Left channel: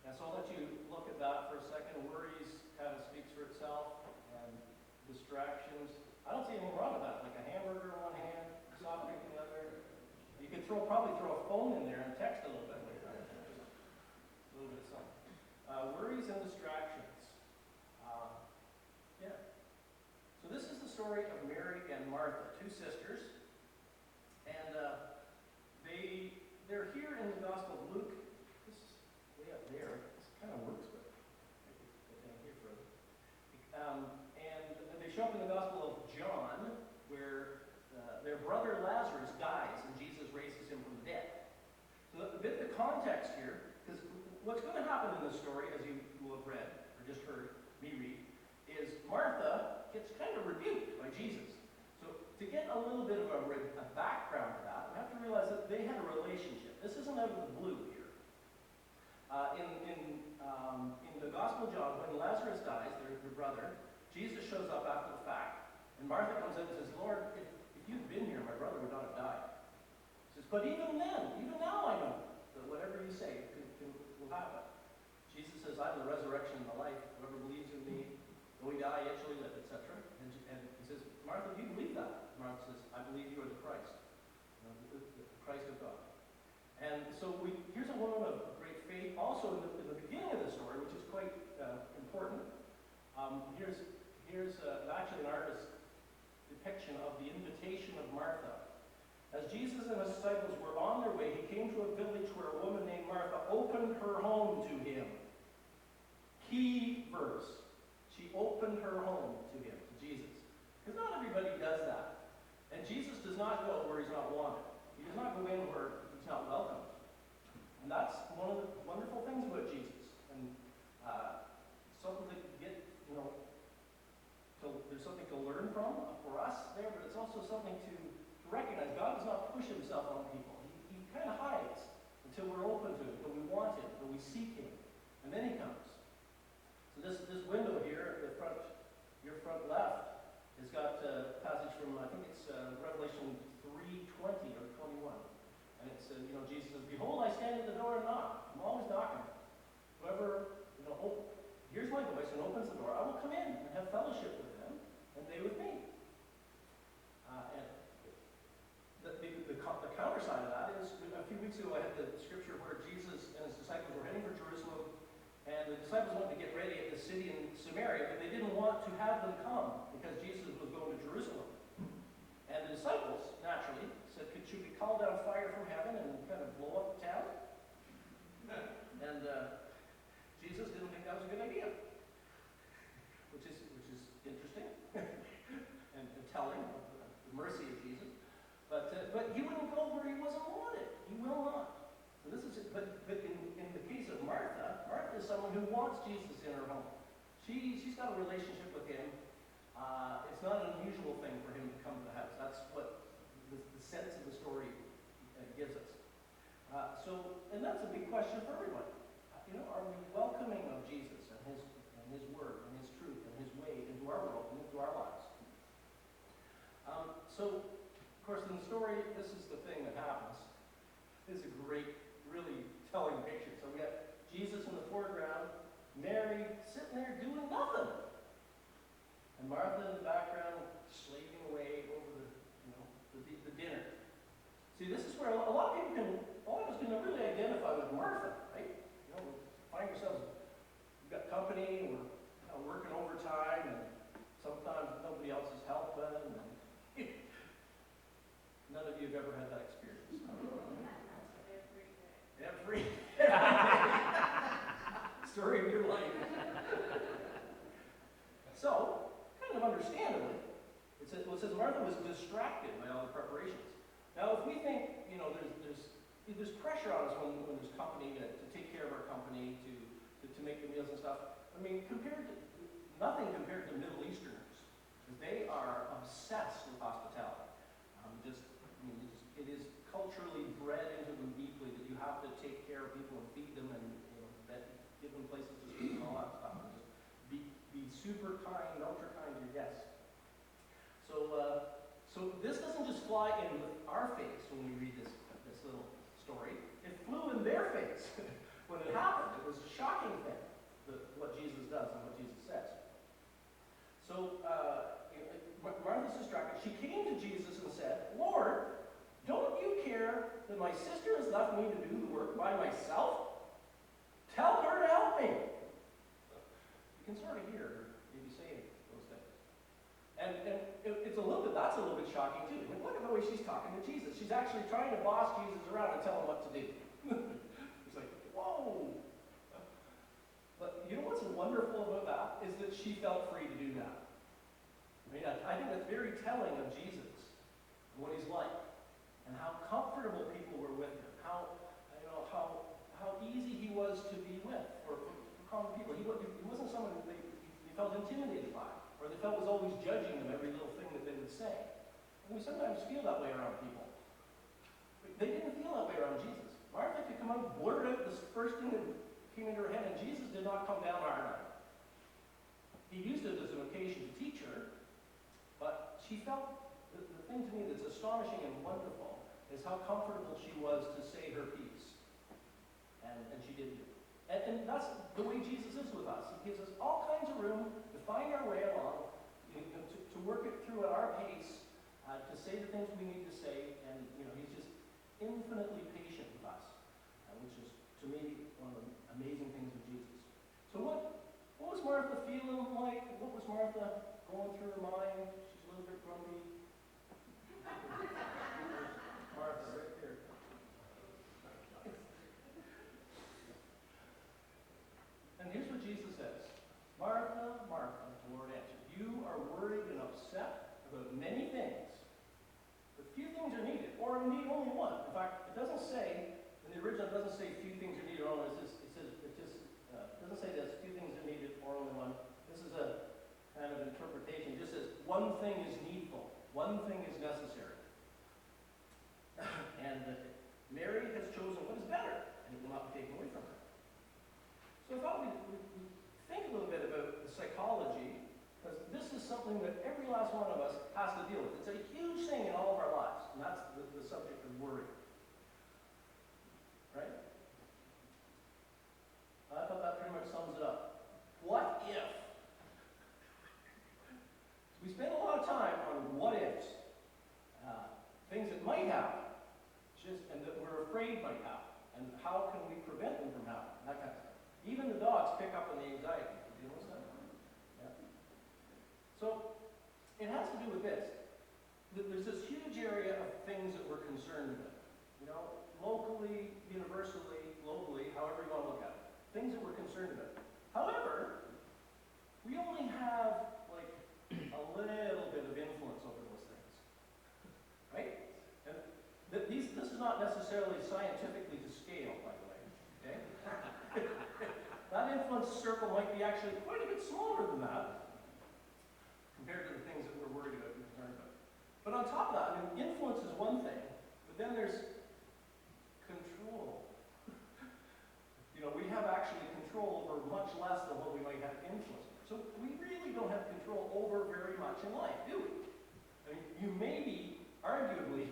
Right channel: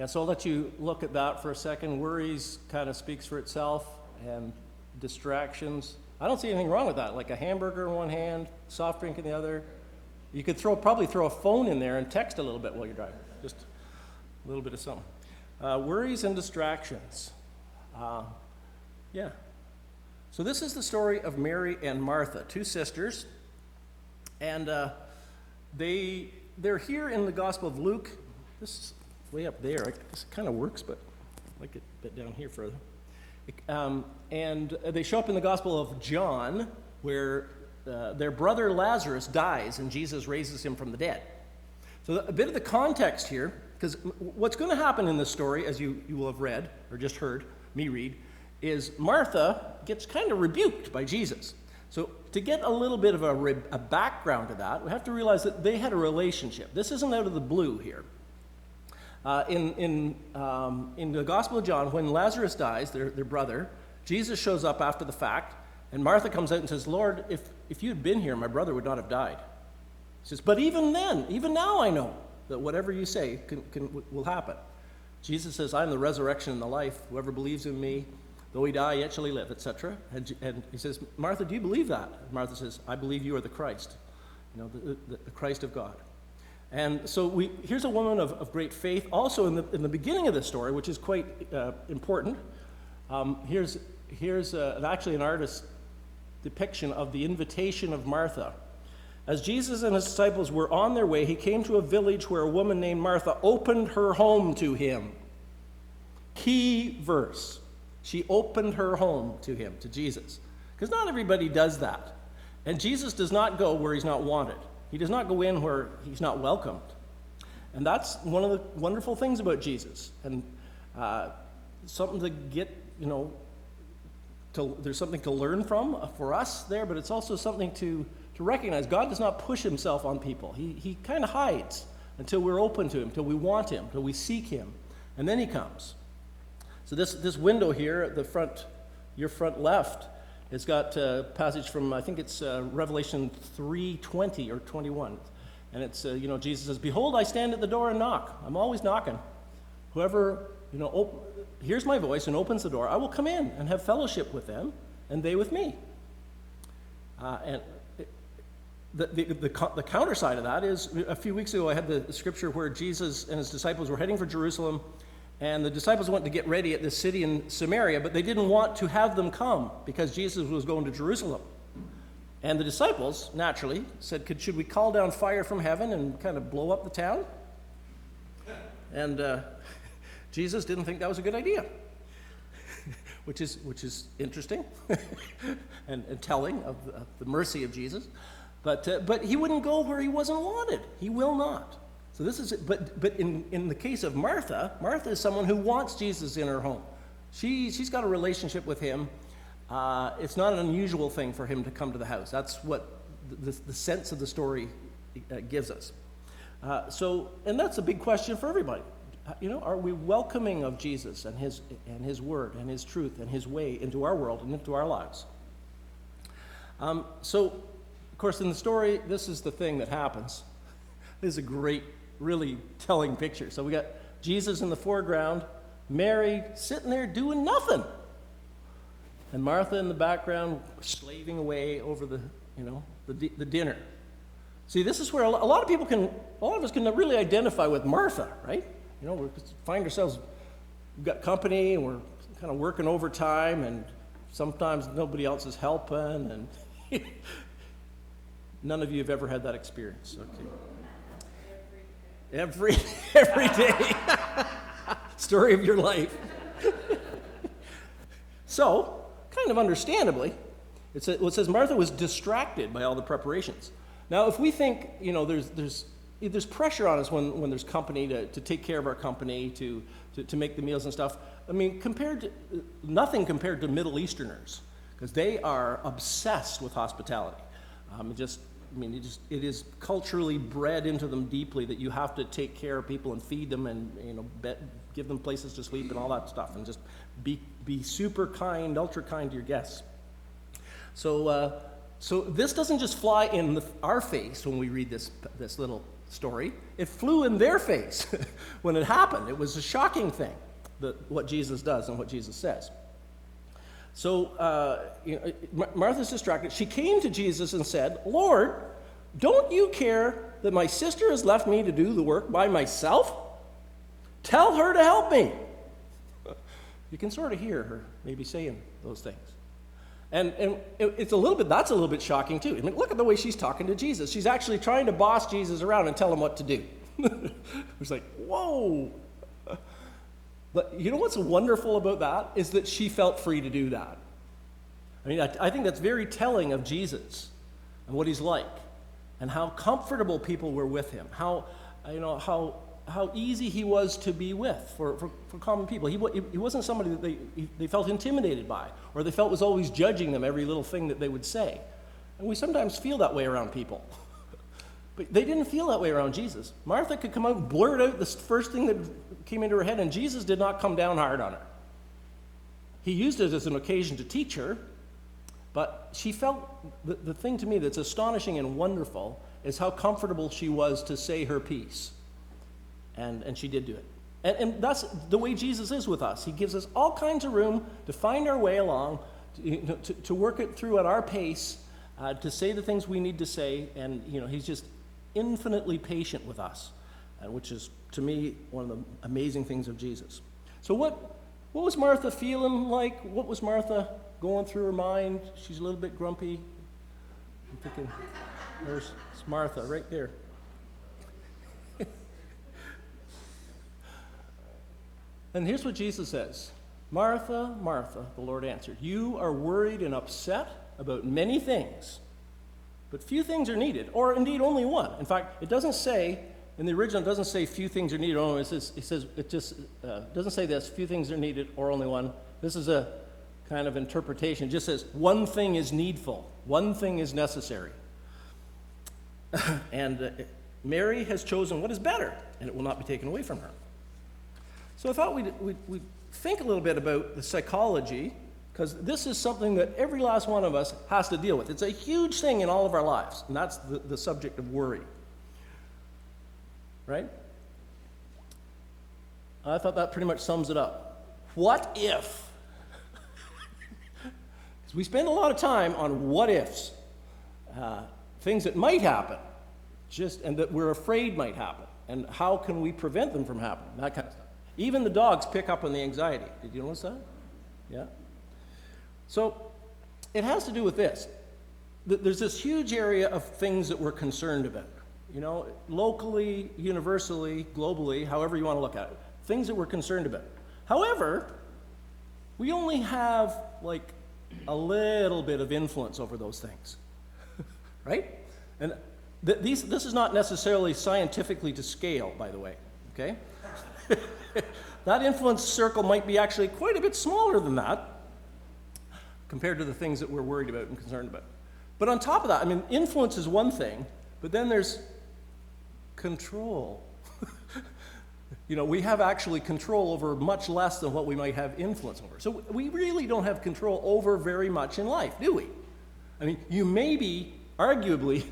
Yeah, so I'll let you look at that for a second. Worries kind of speaks for itself, and distractions. I don't see anything wrong with that, like a hamburger in one hand, soft drink in the other. You could probably throw a phone in there and text a little bit while you're driving, just a little bit of something. Worries and distractions. Yeah. So this is the story of Mary and Martha, two sisters, and they're here in the Gospel of Luke. This is way up there. This kind of works, but I'd like it a bit down here further. And they show up in the Gospel of John, where their brother Lazarus dies and Jesus raises him from the dead. So a bit of the context here, because what's going to happen in this story, as you will have read, or just heard me read, is Martha gets kind of rebuked by Jesus. So to get a little bit of a background to that, we have to realize that they had a relationship. This isn't out of the blue here. In the Gospel of John, when Lazarus dies, their brother, Jesus shows up after the fact, and Martha comes out and says, Lord, if you'd been here, my brother would not have died. He says, but even then, even now I know that whatever you say will happen. Jesus says, I am the resurrection and the life. Whoever believes in me, though he die, yet shall he live, etc. And he says, Martha, do you believe that? And Martha says, I believe you are the Christ, the Christ of God. And so here's a woman of great faith. Also in the beginning of the story, which is quite important, here's actually an artist's depiction of the invitation of Martha. As Jesus and his disciples were on their way, he came to a village where a woman named Martha opened her home to him. Key verse. She opened her home to him, to Jesus. Because not everybody does that. And Jesus does not go where he's not wanted. He does not go in where he's not welcomed. And that's one of the wonderful things about Jesus. And something to get, there's something to learn from for us there, but it's also something to recognize. God does not push himself on people. He kind of hides until we're open to him, until we want him, until we seek him. And then he comes. So this window here at the front, your front left, it's got a passage from, I think it's Revelation 3:20 or 21. And it's, Jesus says, behold, I stand at the door and knock. I'm always knocking. Whoever, hears my voice and opens the door, I will come in and have fellowship with them, and they with me. And the counter side of that is, a few weeks ago I had the scripture where Jesus and his disciples were heading for Jerusalem, and the disciples went to get ready at this city in Samaria, but they didn't want to have them come because Jesus was going to Jerusalem. And the disciples, naturally, said, should we call down fire from heaven and kind of blow up the town? And Jesus didn't think that was a good idea, which is interesting and telling of the mercy of Jesus. But he wouldn't go where he wasn't wanted. He will not. So this is, but in the case of Martha, Martha is someone who wants Jesus in her home. She's got a relationship with him. It's not an unusual thing for him to come to the house. That's what the sense of the story gives us. And that's a big question for everybody. Are we welcoming of Jesus and his word and his truth and his way into our world and into our lives? So, of course, in the story, this is the thing that happens. This is a great, really telling picture. So we got Jesus in the foreground, Mary sitting there doing nothing, and Martha in the background slaving away over the dinner. See, this is where a lot of us can really identify with Martha, right? We find ourselves, we've got company and we're kind of working overtime, and sometimes nobody else is helping, and none of you have ever had that experience. Okay. Every day. Story of your life. So, kind of understandably, it says Martha was distracted by all the preparations. Now, if we think, there's pressure on us when there's company to take care of our company, to make the meals and stuff. I mean, nothing compared to Middle Easterners, because they are obsessed with hospitality. It is culturally bred into them deeply that you have to take care of people and feed them and give them places to sleep and all that stuff, and just be super kind, ultra kind to your guests. So this doesn't just fly in our face when we read this little story. It flew in their face when it happened. It was a shocking thing, what Jesus does and what Jesus says. So Martha's distracted. She came to Jesus and said, "Lord, don't you care that my sister has left me to do the work by myself? Tell her to help me." You can sort of hear her maybe saying those things. And that's a little bit shocking too. I mean, look at the way she's talking to Jesus. She's actually trying to boss Jesus around and tell him what to do. It's like, whoa. But you know what's wonderful about that is that she felt free to do that. I mean, I think that's very telling of Jesus and what he's like, and how comfortable people were with him, how easy he was to be with for common people. He wasn't somebody that they felt intimidated by, or they felt was always judging them every little thing that they would say. And we sometimes feel that way around people. But they didn't feel that way around Jesus. Martha could come out and blurt out the first thing that came into her head, and Jesus did not come down hard on it. He used it as an occasion to teach her, but she felt, the thing to me that's astonishing and wonderful is how comfortable she was to say her piece. And she did do it. And that's the way Jesus is with us. He gives us all kinds of room to find our way along, to work it through at our pace, to say the things we need to say, and he's just infinitely patient with us, which is, to me, one of the amazing things of Jesus. So what was Martha feeling like? What was Martha going through her mind? She's a little bit grumpy. I'm thinking, there's Martha right there. And here's what Jesus says. "Martha, Martha," the Lord answered, "you are worried and upset about many things, but few things are needed, or indeed only one." In fact, it doesn't say, in the original, it doesn't say few things are needed, or only. It doesn't say this, few things are needed, or only one. This is a kind of interpretation. It just says, one thing is needful, one thing is necessary. And Mary has chosen what is better, and it will not be taken away from her. So I thought we'd think a little bit about the psychology, because this is something that every last one of us has to deal with. It's a huge thing in all of our lives, and that's the subject of worry. Right? I thought that pretty much sums it up. What if? We spend a lot of time on what ifs, things that might happen, and that we're afraid might happen, and how can we prevent them from happening, that kind of stuff. Even the dogs pick up on the anxiety. Did you notice that? Yeah. So it has to do with this. There's this huge area of things that we're concerned about. Locally, universally, globally, however you want to look at it. Things that we're concerned about. However, we only have like a little bit of influence over those things. Right? And this is not necessarily scientifically to scale, by the way. Okay? That influence circle might be actually quite a bit smaller than that compared to the things that we're worried about and concerned about. But on top of that, influence is one thing, but then there's control. We have actually control over much less than what we might have influence over. So we really don't have control over very much in life, do we? You maybe, arguably,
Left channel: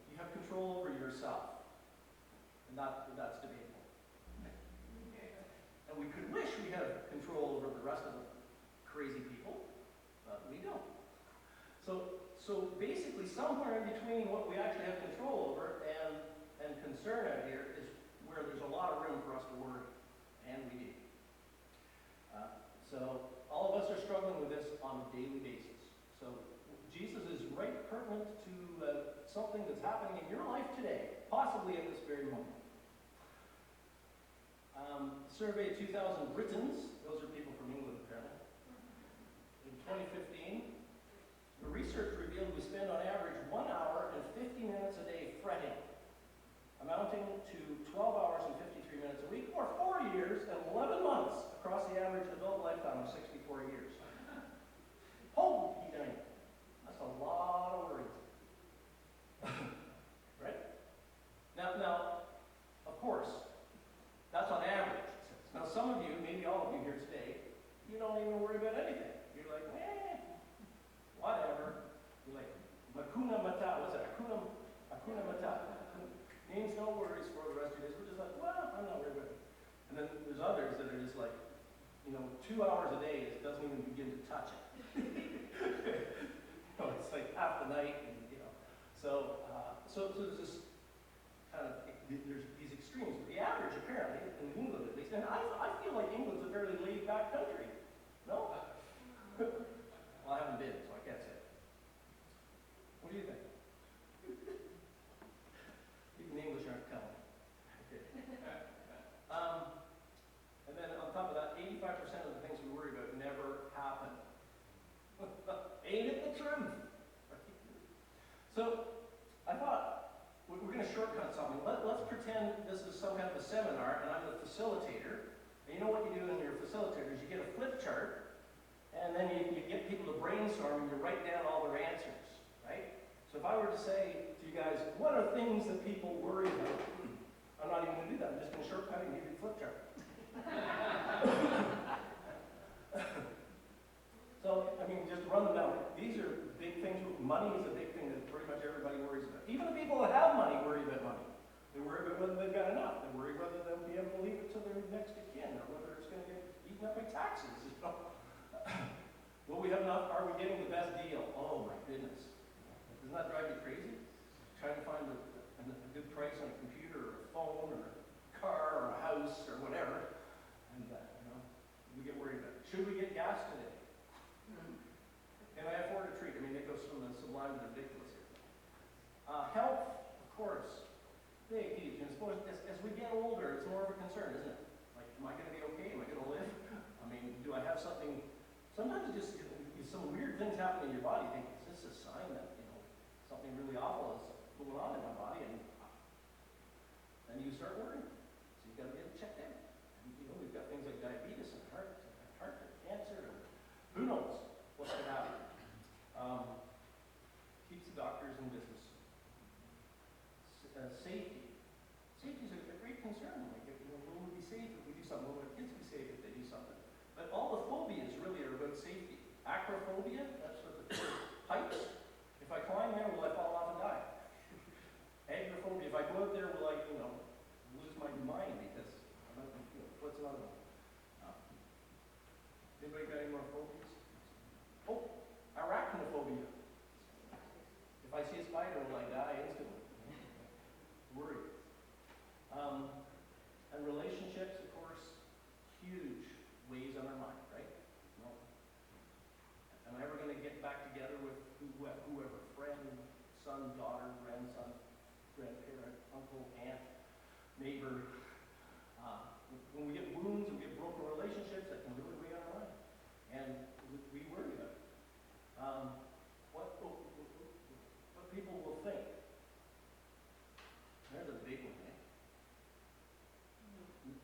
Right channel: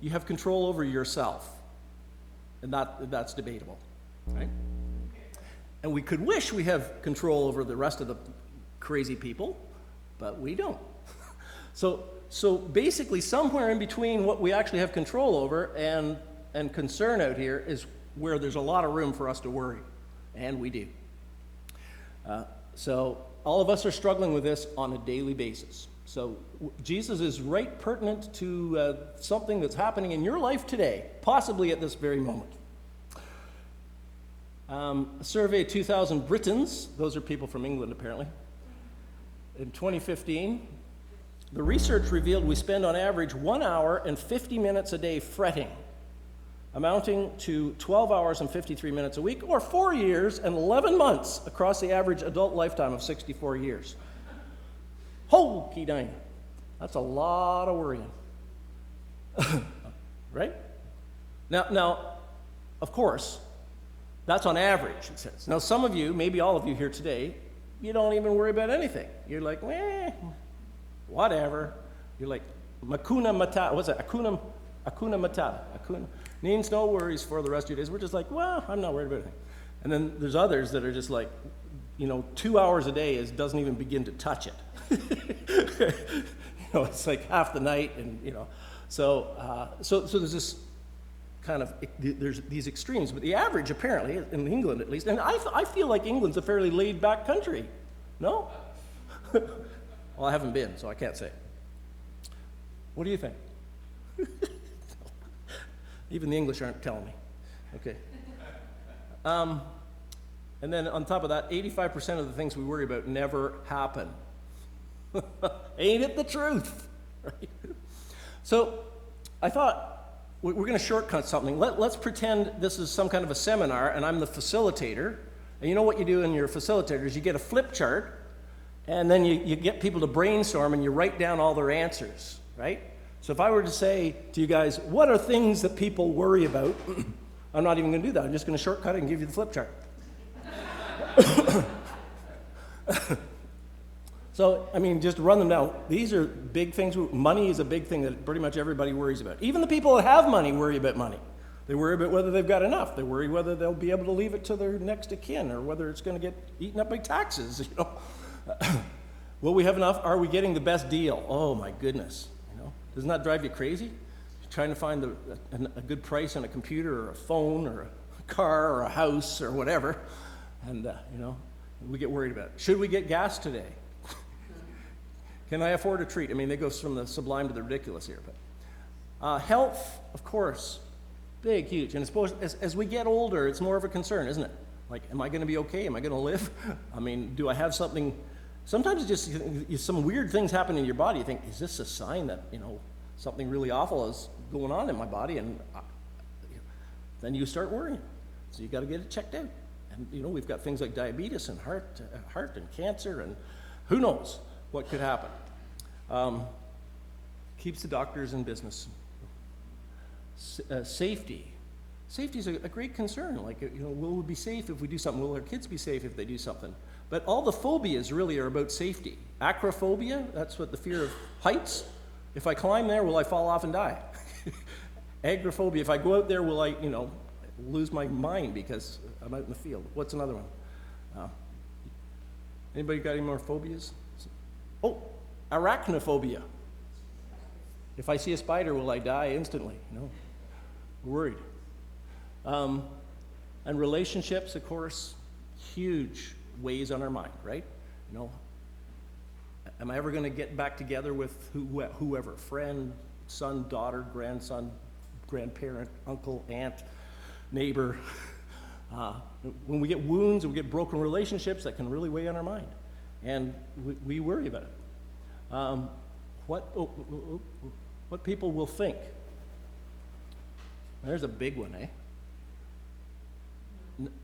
you have control over yourself, and that's debatable, right? And we could wish we have control over the rest of the crazy people, but we don't. So basically, somewhere in between what we actually have control over and concern out here is where there's a lot of room for us to worry, and we do. So all of us are struggling with this on a daily basis. So Jesus is right pertinent to something that's happening in your life today, possibly at this very moment. A survey of 2,000 Britons, those are people from England apparently, in 2015, the research revealed we spend on average 1 hour and 50 minutes a day fretting, amounting to 12 hours and 53 minutes a week, or 4 years and 11 months across the average adult lifetime of 64 years. Hokey dang. That's a lot of worrying. Right? Now, of course, that's on average, it says. Now, some of you, maybe all of you here today, you don't even worry about anything. You're like, whatever. You're like, Hakuna Matata. What's that? Hakuna Matata. Means no worries for the rest of your days. We're just like, well, I'm not worried about anything. And then there's others that are just like, 2 hours a day doesn't even begin to touch it. It's like half the night, and so there's this kind of, there's these extremes. But the average, apparently, in England at least, and I feel like England's a fairly laid-back country. No? Well, I haven't been, so I can't say. What do you think? Even the English aren't telling me. Okay. And then on top of that, 85% of the things we worry about never happen. Ain't it the truth? Right? So I thought we're going to shortcut something. Let's pretend this is some kind of a seminar and I'm the facilitator. And you know what you do in your facilitator is you get a flip chart and then you get people to brainstorm and you write down all their answers, right? So if I were to say to you guys, what are things that people worry about? I'm not even going to do that. I'm just going to shortcut it and give you the flip chart. So, just run them down. These are big things. Money is a big thing that pretty much everybody worries about. Even the people that have money worry about money. They worry about whether they've got enough. They worry whether they'll be able to leave it to their next of kin or whether it's going to get eaten up by taxes. Will we have enough? Are we getting the best deal? Oh my goodness. Doesn't that drive you crazy? Trying to find a good price on a computer or a phone or a car or a house or whatever. And, we get worried about it. Should we get gas today? Can I afford a treat? They go from the sublime to the ridiculous here. But health, of course, big, huge. And I suppose as we get older, it's more of a concern, isn't it? Like, am I going to be okay? Am I going to live? Do I have something? Sometimes just some weird things happen in your body. You think, is this a sign that, something really awful is going on in my body? And then you start worrying. So you got to get it checked out. And, we've got things like diabetes and heart and cancer, and who knows what could happen. Keeps the doctors in business. Safety. Safety is a great concern. Like, will we be safe if we do something? Will our kids be safe if they do something? But all the phobias really are about safety. Acrophobia, that's what the fear of heights. If I climb there, will I fall off and die? Agoraphobia, if I go out there, will I, lose my mind because I'm out in the field? What's another one? Anybody got any more phobias? Oh, arachnophobia. If I see a spider, will I die instantly? No. We're worried. And relationships, of course, huge weighs on our mind, right? Am I ever going to get back together with whoever? Friend, son, daughter, grandson, grandparent, uncle, aunt, neighbor. When we get wounds and we get broken relationships, that can really weigh on our mind. And we worry about it. What people will think. There's a big one, eh?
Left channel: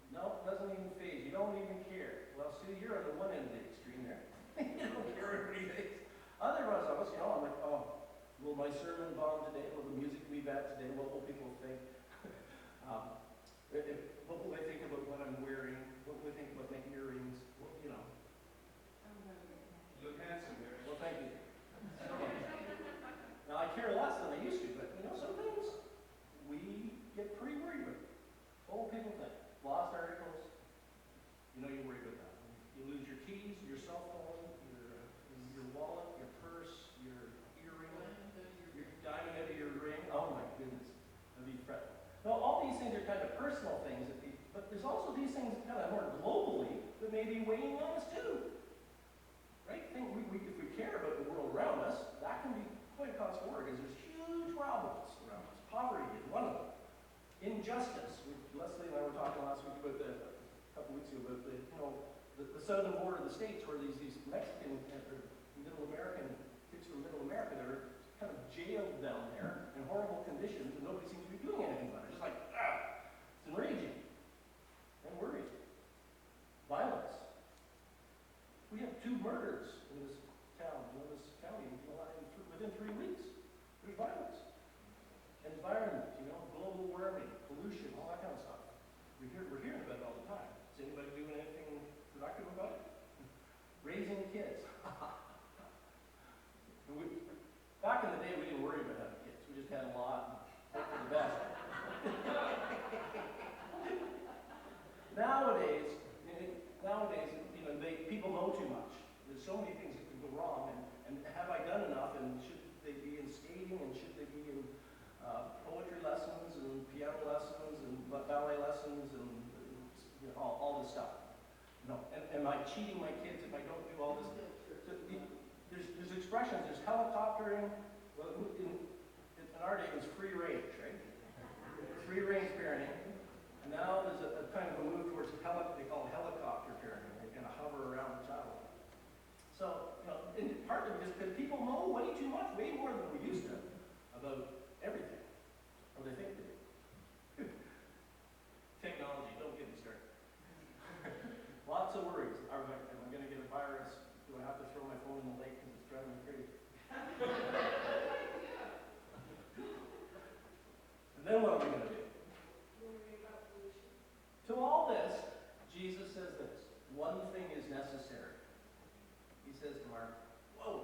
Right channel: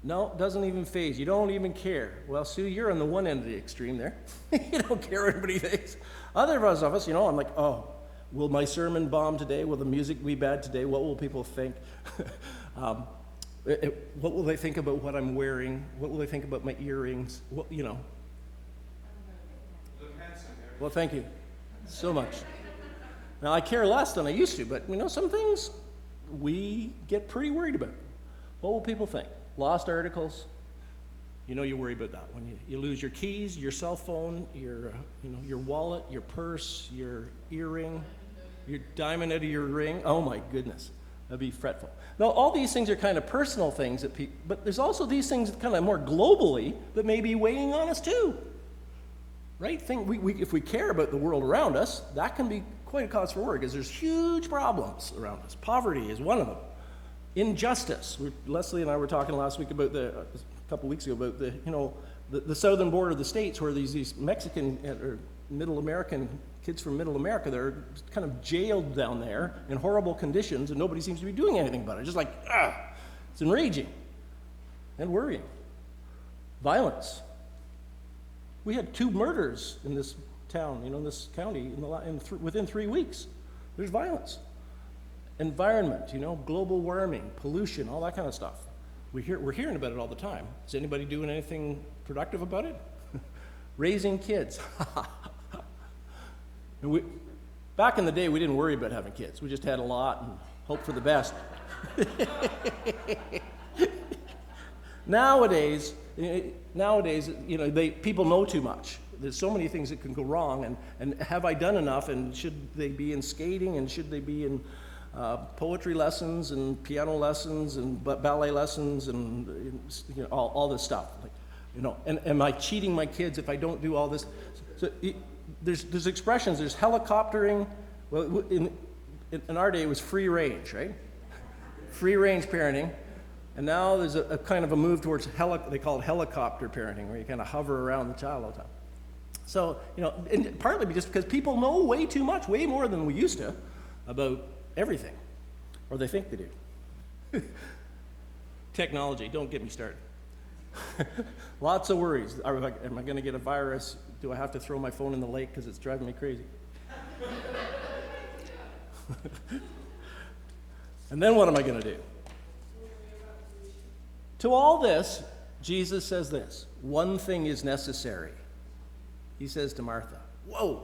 No, it doesn't even faze. You don't even care. Well, Sue, you're on the one end of the extreme there. You don't care what anybody thinks. Other of us, I'm like, oh, will my sermon bomb today? Will the music be bad today? What will people think? What will they think about what I'm wearing? What will they think about my earrings? Look handsome here. Well, thank you so much. Now, I care less than I used to, but some things we get pretty worried about. What will people think? Lost articles, you worry about that. When you lose your keys, your cell phone, your wallet, your purse, your earring, your diamond out of your ring. Oh my goodness, that'd be fretful. Now, all these things are kind of personal things but there's also these things kind of more globally that may be weighing on us too. Right? If we care about the world around us, that can be quite a cause for worry because there's huge problems around us. Poverty is one of them. Injustice. Leslie and I were talking last week about a couple weeks ago about the southern border of the states where these Mexican or Middle American kids from Middle America, they're kind of jailed down there in horrible conditions and nobody seems to be doing anything about it. Just like, it's enraging and worrying. Violence. We had 2 murders in this town, this county within 3 weeks. There's violence. Environment, global warming, pollution, all that kind of stuff. We're hearing about it all the time. Is anybody doing anything productive about it? Raising kids. Back in the day, we didn't worry about having kids. We just had a lot and hoped for the best. Nowadays, people know too much. There's so many things that can go wrong, and have I done enough, and should they be in skating, and should they be in poetry lessons, and piano lessons, and ballet lessons, and all this stuff. And am I cheating my kids if I don't do all this? So there's expressions, there's helicoptering. Well, in our day, it was free range, right? Free range parenting. And now there's a kind of a move towards, they call it helicopter parenting, where you kind of hover around the child all the time. So, and partly just because people know way too much, way more than we used to, about everything. Or they think they do. Technology, don't get me started. Lots of worries. Am I going to get a virus? Do I have to throw my phone in the lake because it's driving me crazy? And then what am I going to do? To all this, Jesus says this: one thing is necessary. He says to Martha, whoa,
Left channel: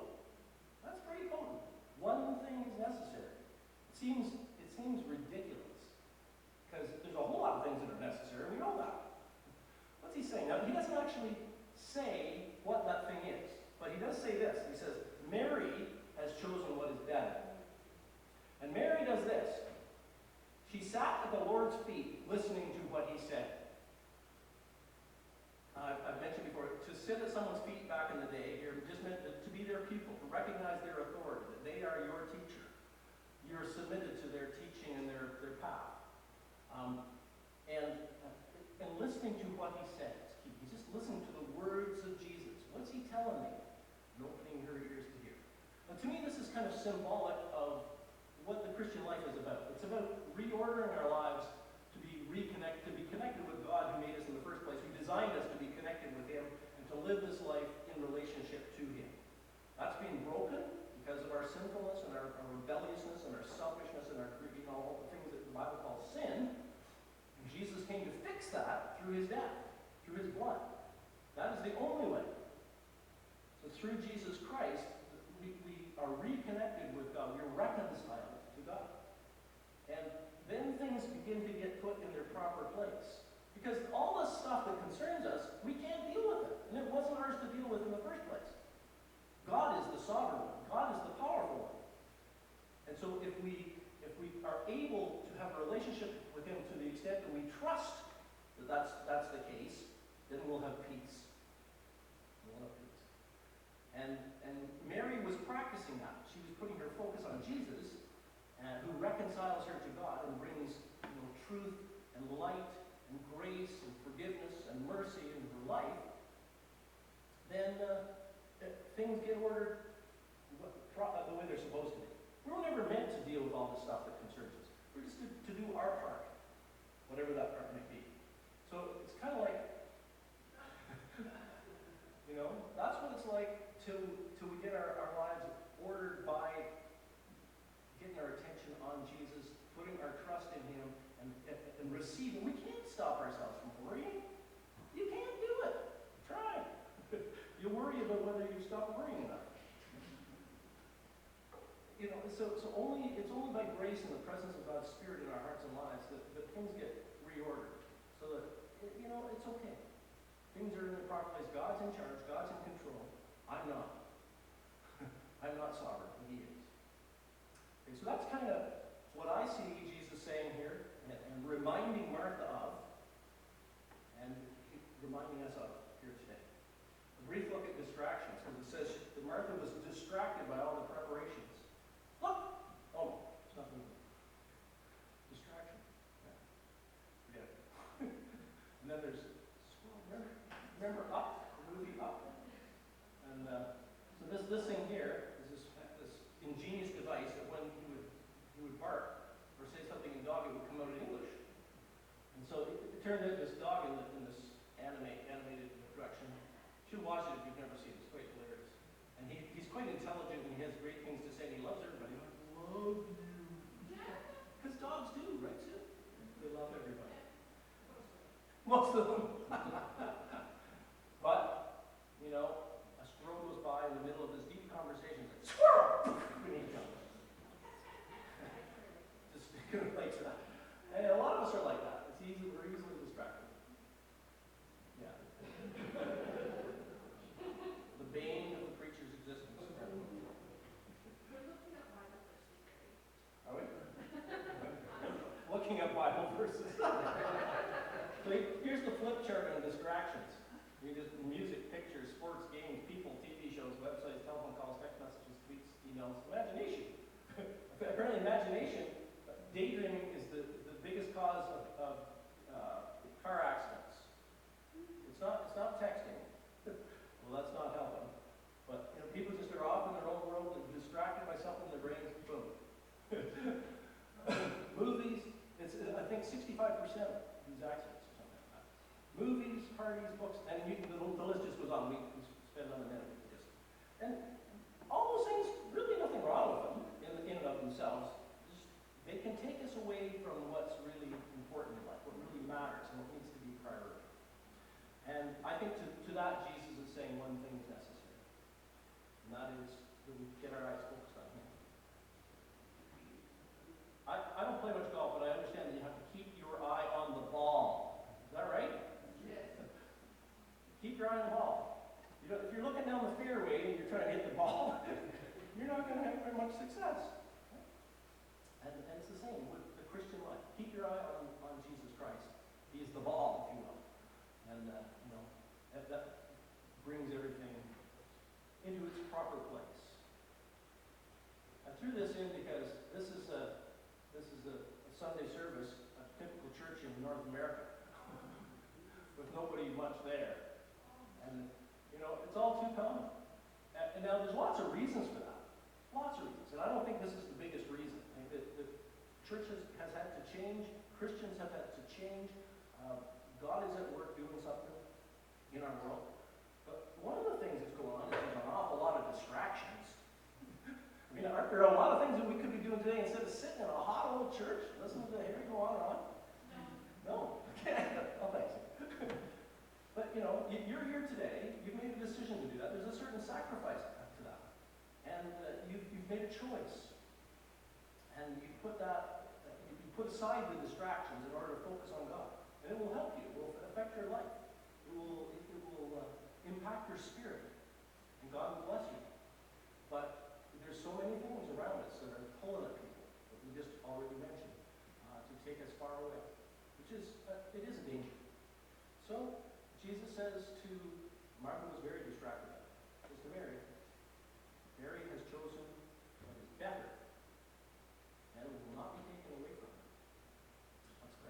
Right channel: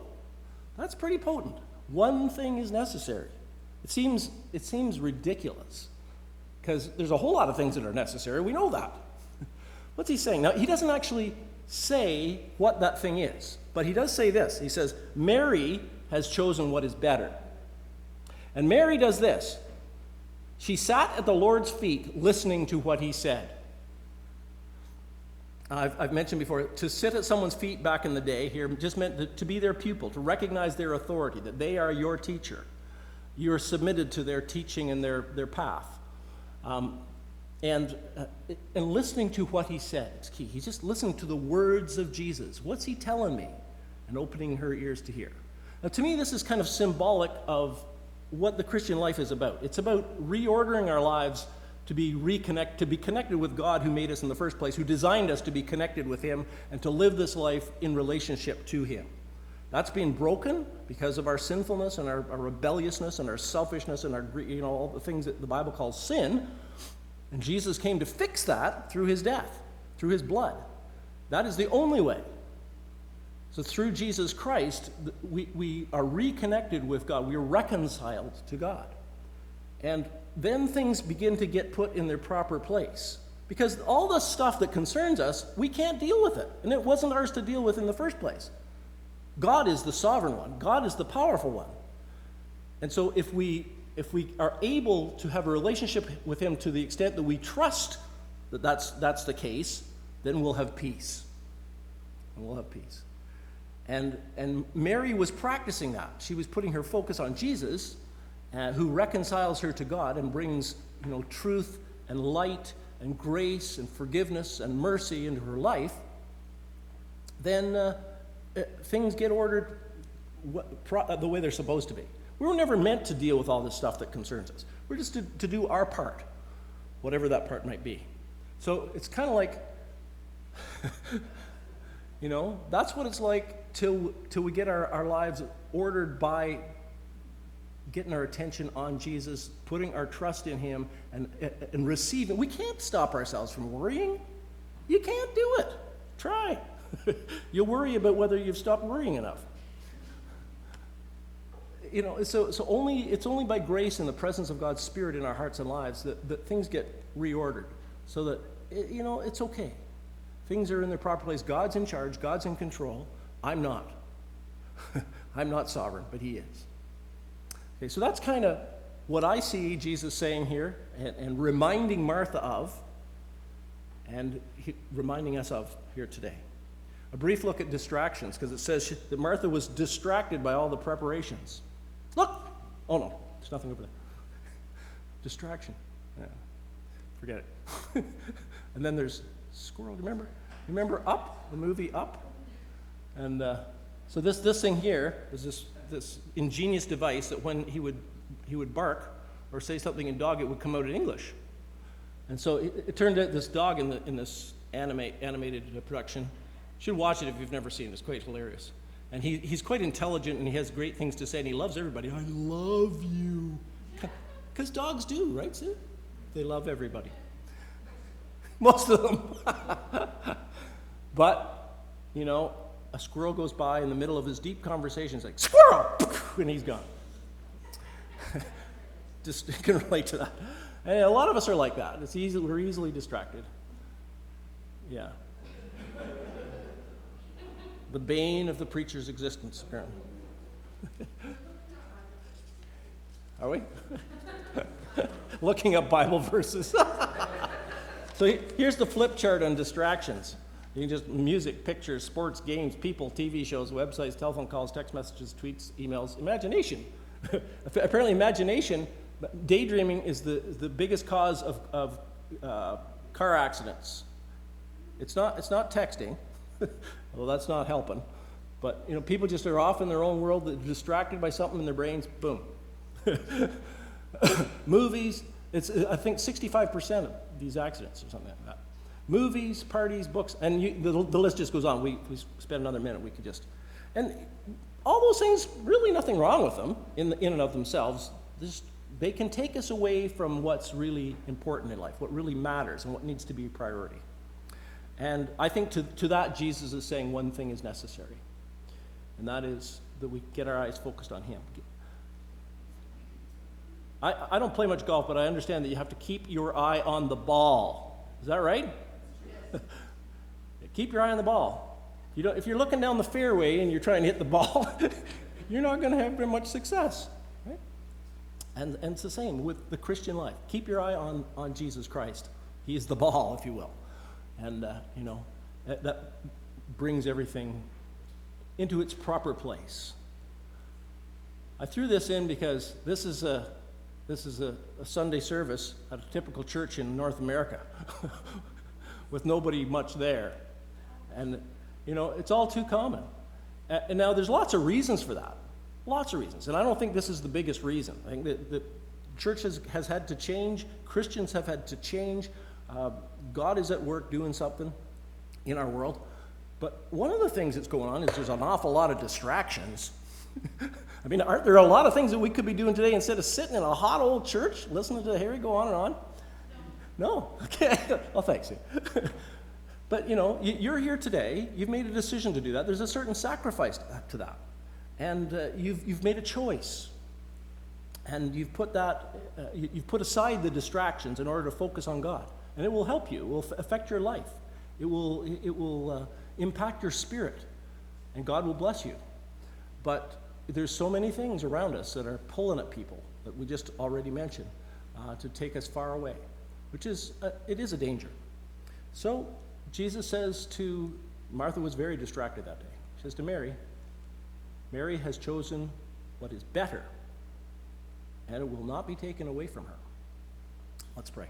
that's pretty potent. One thing is necessary. It seems ridiculous, because there's a whole lot of things that are necessary. We know that. What's he saying? Now, he doesn't actually say what that thing is, but he does say this. He says, Mary has chosen what is better. And Mary does this. She sat at the Lord's feet listening to what he said. I've mentioned before, to sit at someone's feet back in the day here just meant to be their pupil, to recognize their authority, that they are your teacher. You're submitted to their teaching and their path. And listening to what he said is key. He's just listening to the words of Jesus. What's he telling me? And opening her ears to hear. Now, to me, this is kind of symbolic of what the Christian life is about. It's about reordering our lives to be connected with God, who made us in the first place, who designed us to be connected with him and to live this life in relationship to him. That's being broken because of our sinfulness and our rebelliousness and our selfishness and our all the things that the Bible calls sin. And Jesus came to fix that through his death, through his blood. That is the only way. So through Jesus Christ, we are reconnected with God. We are reconciled to God. And then things begin to get put in their proper place. Because all the stuff that concerns us, we can't deal with it. And it wasn't ours to deal with in the first place. God is the sovereign one. God is the powerful one. And so if we are able to have a relationship with him to the extent that we trust that that's the case, then we'll have peace. And we'll have peace. And Mary was practicing that. She was putting her focus on Jesus, who reconciles her to God and brings truth and light and grace and forgiveness and mercy into her life. Then things get ordered the way they're supposed to be. We were never meant to deal with all this stuff that concerns us. We're just to do our part, whatever that part might be. So it's kind of like, that's what it's like till we get our lives ordered by getting our attention on Jesus, putting our trust in him, and receiving. We can't stop ourselves from worrying. You can't do it. Try. You'll worry about whether you've stopped worrying enough. So it's only by grace and the presence of God's Spirit in our hearts and lives that things get reordered, so that it's okay. Things are in their proper place. God's in charge. God's in control. I'm not. I'm not sovereign, but he is. Okay, so that's kind of what I see Jesus saying here and reminding Martha of, and reminding us of here today. A brief look at distractions, because it says that Martha was distracted by all the preparations. Look! Oh no, there's nothing over there. Distraction. Yeah. Forget it. And then there's squirrel. Remember Up, the movie Up? And so this thing here is this ingenious device that when he would bark or say something in dog, it would come out in English. And so it turned out this dog in this animated production. You should watch it if you've never seen it. It's quite hilarious. And he's quite intelligent, and he has great things to say, and he loves everybody. I love you. Because dogs do, right, Sue? They love everybody. Most of them. But, a squirrel goes by in the middle of his deep conversation. It's like, squirrel! And he's gone. Just can relate to that. And a lot of us are like that. We're easily distracted. Yeah. The bane of the preacher's existence, apparently. Are we? Looking up Bible verses. So here's the flip chart on distractions. You can just music, pictures, sports, games, people, TV shows, websites, telephone calls, text messages, tweets, emails, imagination. Apparently imagination, daydreaming is the biggest cause of car accidents. It's not texting, well, that's not helping. But people just are off in their own world, they're distracted by something in their brains, boom. Movies, it's I think 65% of these accidents or something like that. Movies, parties, books, and the list just goes on. We spend another minute, we could just, and all those things, really nothing wrong with them in and of themselves. They can take us away from what's really important in life, what really matters, and what needs to be a priority. And I think to that, Jesus is saying one thing is necessary, and that is that we get our eyes focused on Him. I don't play much golf, but I understand that you have to keep your eye on the ball. Is that right? Yes. Keep your eye on the ball. If you're looking down the fairway and you're trying to hit the ball, you're not going to have very much success. Right? And it's the same with the Christian life. Keep your eye on Jesus Christ. He is the ball, if you will. And, that brings everything into its proper place. I threw this in because this is a Sunday service at a typical church in North America with nobody much there. And, it's all too common. And now there's lots of reasons for that. Lots of reasons. And I don't think this is the biggest reason. I think that the church has had to change. Christians have had to change. God is at work doing something in our world. But one of the things that's going on is there's an awful lot of distractions. I mean, aren't there a lot of things that we could be doing today instead of sitting in a hot old church listening to Harry go on and on? No? Okay. Well, thanks. But, you're here today. You've made a decision to do that. There's a certain sacrifice to that. And you've made a choice. And you've put aside the distractions in order to focus on God. And it will help you. It will affect your life. It will impact your spirit. And God will bless you. But there's so many things around us that are pulling at people that we just already mentioned to take us far away, which is it is a danger. So Jesus says to Martha, was very distracted that day. He says to Mary, Mary has chosen what is better, and it will not be taken away from her. Let's pray.